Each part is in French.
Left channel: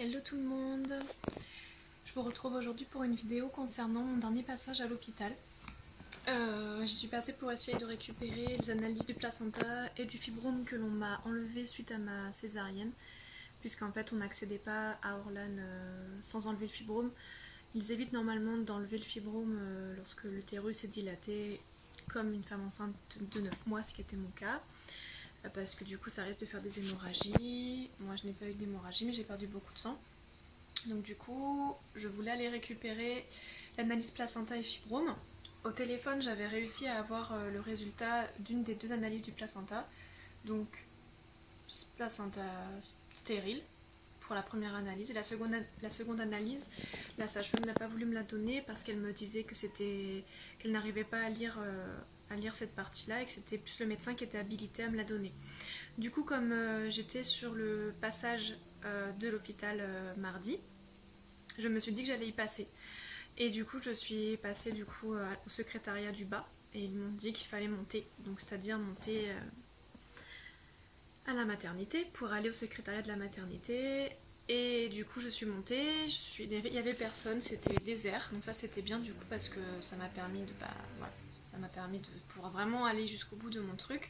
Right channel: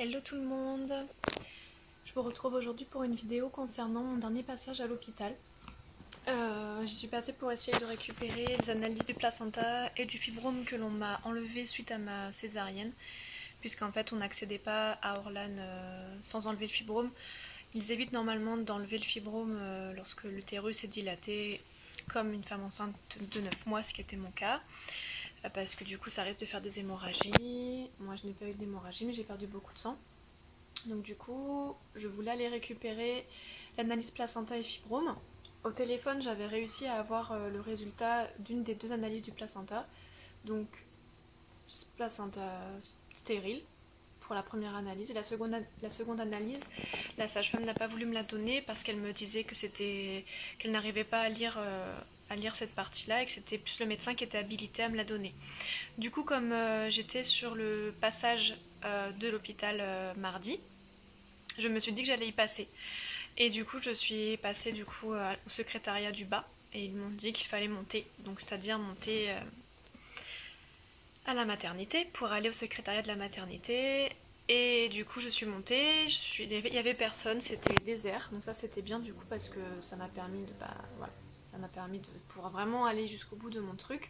Hello tout le monde, je vous retrouve aujourd'hui pour une vidéo concernant mon dernier passage à l'hôpital. Je suis passée pour essayer de récupérer les analyses du placenta et du fibrome que l'on m'a enlevé suite à ma césarienne, puisqu'en fait on n'accédait pas à Orlan sans enlever le fibrome. Ils évitent normalement d'enlever le fibrome lorsque l'utérus est dilaté, comme une femme enceinte de 9 mois, ce qui était mon cas. Parce que du coup ça risque de faire des hémorragies. Moi je n'ai pas eu d'hémorragie mais j'ai perdu beaucoup de sang. Donc du coup je voulais aller récupérer l'analyse placenta et fibrome. Au téléphone j'avais réussi à avoir le résultat d'une des deux analyses du placenta. Donc placenta stérile pour la première analyse. Et la seconde analyse, la sage-femme n'a pas voulu me la donner parce qu'elle me disait que qu'elle n'arrivait pas à lire cette partie-là et que c'était plus le médecin qui était habilité à me la donner. Du coup, comme j'étais sur le passage de l'hôpital mardi, je me suis dit que j'allais y passer. Et du coup, je suis passée au secrétariat du bas et ils m'ont dit qu'il fallait monter, donc c'est-à-dire monter à la maternité pour aller au secrétariat de la maternité. Et du coup je suis montée, il y avait personne, c'était désert, donc ça c'était bien du coup parce que ça m'a permis de pouvoir vraiment aller jusqu'au bout de mon truc.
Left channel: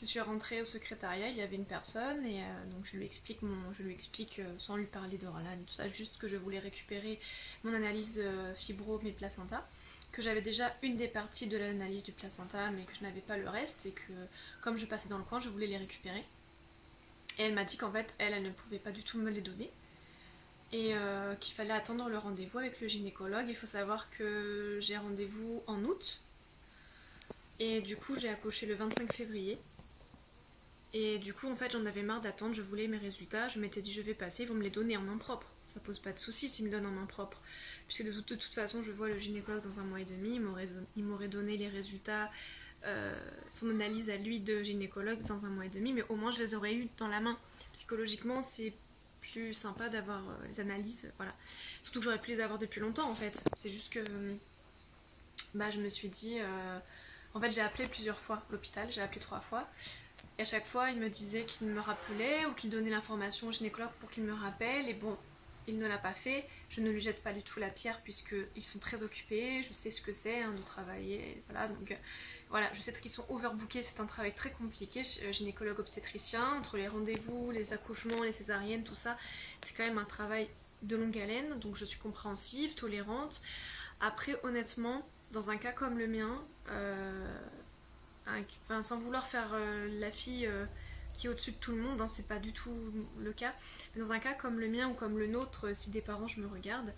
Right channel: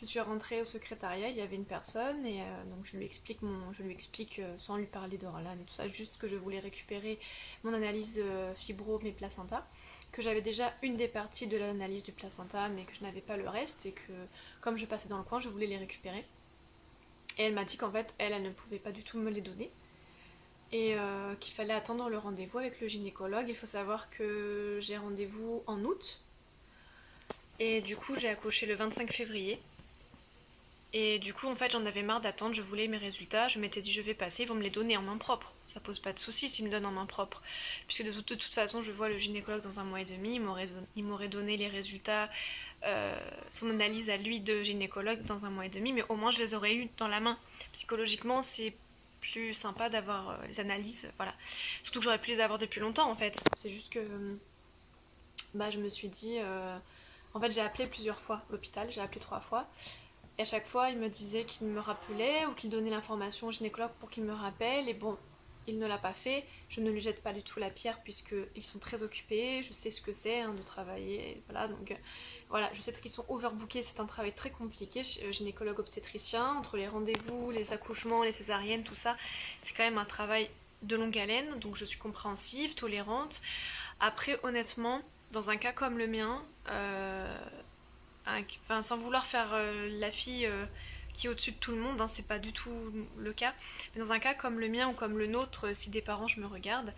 Je suis rentrée au secrétariat, il y avait une personne et donc je lui explique sans lui parler d'Orlan et tout ça, juste que je voulais récupérer mon analyse fibrome et placenta, que j'avais déjà une des parties de l'analyse du placenta mais que je n'avais pas le reste et que comme je passais dans le coin je voulais les récupérer. Et elle m'a dit qu'en fait, elle ne pouvait pas du tout me les donner. Et qu'il fallait attendre le rendez-vous avec le gynécologue. Il faut savoir que j'ai rendez-vous en août. Et du coup, j'ai accouché le 25 février. Et du coup, en fait, j'en avais marre d'attendre. Je voulais mes résultats. Je m'étais dit, je vais passer. Ils vont me les donner en main propre. Ça pose pas de soucis s'ils me donnent en main propre. Puisque de toute façon, je vois le gynécologue dans 1 mois et demi. Il m'aurait donné les résultats, son analyse à lui de gynécologue dans 1 mois et demi. Mais au moins, je les aurais eu dans la main. Psychologiquement, c'est plus sympa d'avoir les analyses. Voilà. Surtout que j'aurais pu les avoir depuis longtemps, en fait. C'est juste que je me suis dit... En fait, j'ai appelé plusieurs fois l'hôpital. J'ai appelé 3 fois. Et à chaque fois, il me disait qu'il me rappelait ou qu'il donnait l'information au gynécologue pour qu'il me rappelle. Et bon, il ne l'a pas fait. Je ne lui jette pas du tout la pierre puisqu'ils sont très occupés. Je sais ce que c'est de travailler. Voilà, donc voilà, je sais qu'ils sont overbookés. C'est un travail très compliqué, gynécologue obstétricien, entre les rendez-vous, les accouchements, les césariennes, tout ça. C'est quand même un travail de longue haleine. Donc je suis compréhensive, tolérante. Après, honnêtement, dans un cas comme le mien... sans vouloir faire la fille qui est au-dessus de tout le monde, c'est pas du tout le cas, mais dans un cas comme le mien ou comme le nôtre, si des parents je me regarde,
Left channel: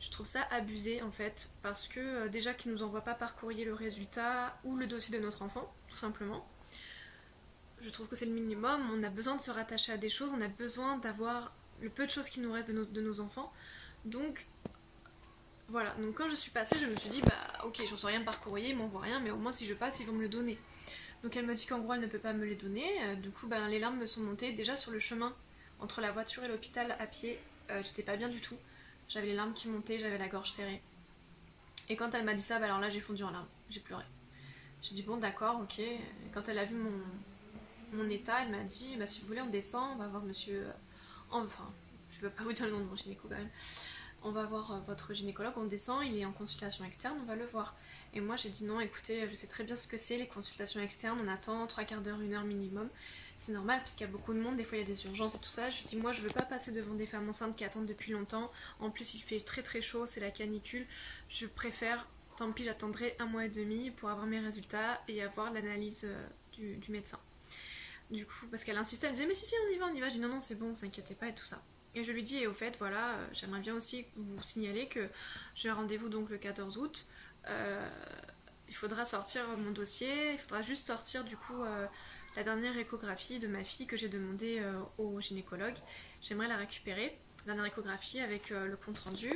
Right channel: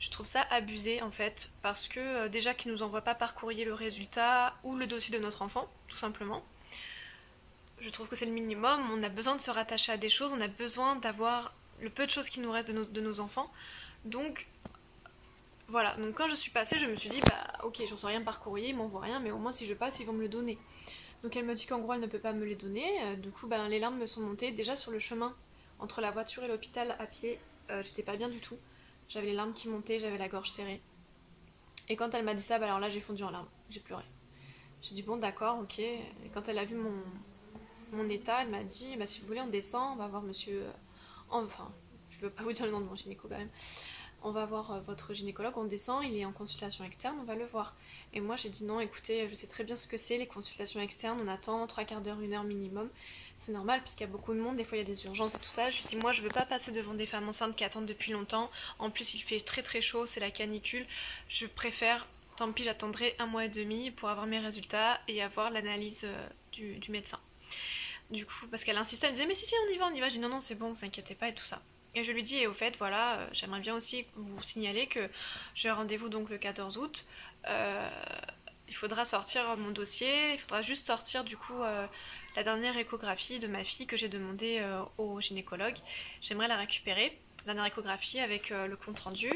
je trouve ça abusé en fait, parce que déjà qu'ils nous envoient pas par courrier le résultat ou le dossier de notre enfant, tout simplement. Je trouve que c'est le minimum, on a besoin de se rattacher à des choses, on a besoin d'avoir le peu de choses qui nous restent de nos enfants, donc voilà, donc quand je suis passée, je me suis dit, ok, j'en sais rien par courrier, ils m'envoient rien, mais au moins si je passe, ils vont me le donner. Donc elle me dit qu'en gros elle ne peut pas me les donner, du coup les larmes me sont montées. Déjà sur le chemin entre la voiture et l'hôpital à pied, j'étais pas bien du tout. J'avais les larmes qui montaient, j'avais la gorge serrée. Et quand elle m'a dit ça, alors là j'ai fondu en larmes, j'ai pleuré. J'ai dit bon d'accord, ok. Et quand elle a vu mon état, elle m'a dit si vous voulez on descend, on va voir monsieur... Enfin, je peux pas vous dire le nom de mon gynéco quand même. On va voir votre gynécologue, on descend, il est en consultation externe, on va le voir. Et moi j'ai dit non, écoutez, je sais très bien ce que c'est les consultations externes, on attend 3/4 d'heure, 1 heure minimum. C'est normal parce qu'il y a beaucoup de monde, des fois il y a des urgences et tout ça. Je lui dis moi je veux pas passer devant des femmes enceintes qui attendent depuis longtemps. En plus il fait très très chaud, c'est la canicule. Je préfère, tant pis j'attendrai 1 mois et demi pour avoir mes résultats et avoir l'analyse du médecin. Du coup, parce qu'elle insistait, elle me disait mais si on y va. Je dis non c'est bon, vous inquiétez pas et tout ça. Et je lui dis, et au fait, voilà, j'aimerais bien aussi vous signaler que j'ai rendez-vous donc le 14 août. Il faudra sortir mon dossier, il faudra juste sortir du coup la dernière échographie de ma fille que j'ai demandé au gynécologue. J'aimerais la récupérer, la dernière échographie avec le compte rendu.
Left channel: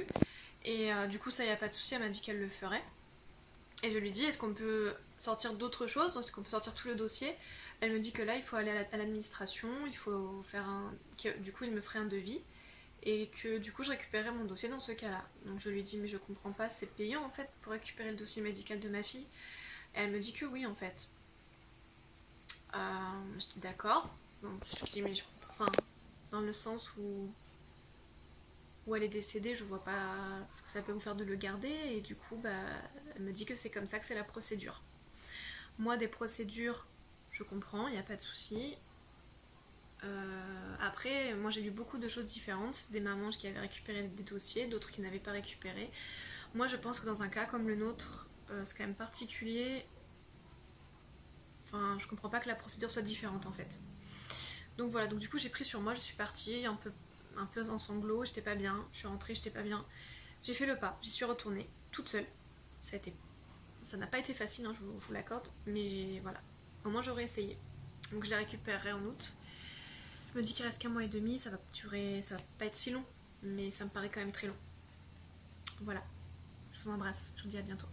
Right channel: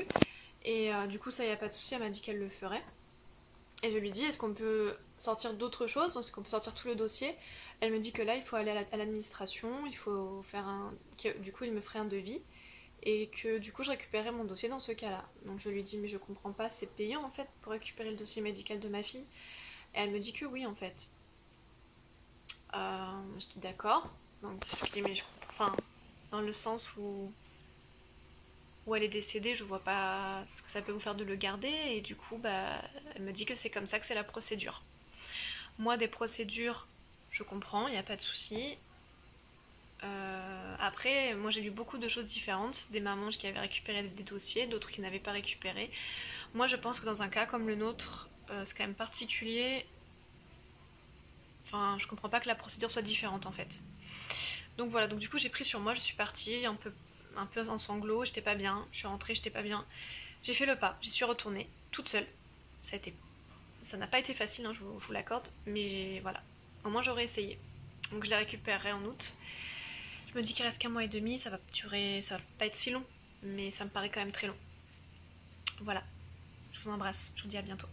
Et du coup, ça y a pas de souci, elle m'a dit qu'elle le ferait. Et je lui dis, est-ce qu'on peut sortir d'autres choses? Est-ce qu'on peut sortir tout le dossier? Elle me dit que là, il faut aller à l'administration, il faut faire du coup, il me ferait un devis. Et que du coup je récupérais mon dossier dans ce cas-là. Donc je lui dis mais je comprends pas, c'est payant en fait pour récupérer le dossier médical de ma fille. Et elle me dit que oui en fait. Je dis d'accord. Donc je lui dis mais je comprends, enfin dans le sens où où elle est décédée, je vois pas ce que ça peut vous faire de le garder, et du coup, elle me dit que c'est comme ça que c'est la procédure. Moi, des procédures, je comprends, il n'y a pas de souci. Après, moi j'ai lu beaucoup de choses différentes, des mamans qui avaient récupéré des dossiers, d'autres qui n'avaient pas récupéré. Moi je pense que dans un cas comme le nôtre, c'est quand même particulier. Enfin, je comprends pas que la procédure soit différente en fait. Donc voilà, donc du coup j'ai pris sur moi, je suis partie un peu en sanglots, j'étais pas bien, je suis rentrée, j'étais pas bien. J'ai fait le pas, j'y suis retournée, toute seule. Ça n'a pas été facile, hein, je vous l'accorde, mais voilà. Au moins j'aurais essayé. Donc je la récupérerai en août. Je me dis qu'il reste qu'un mois et demi, ça va pas être si long, mais ça me paraît quand même très long. Voilà, je vous embrasse, je vous dis à bientôt.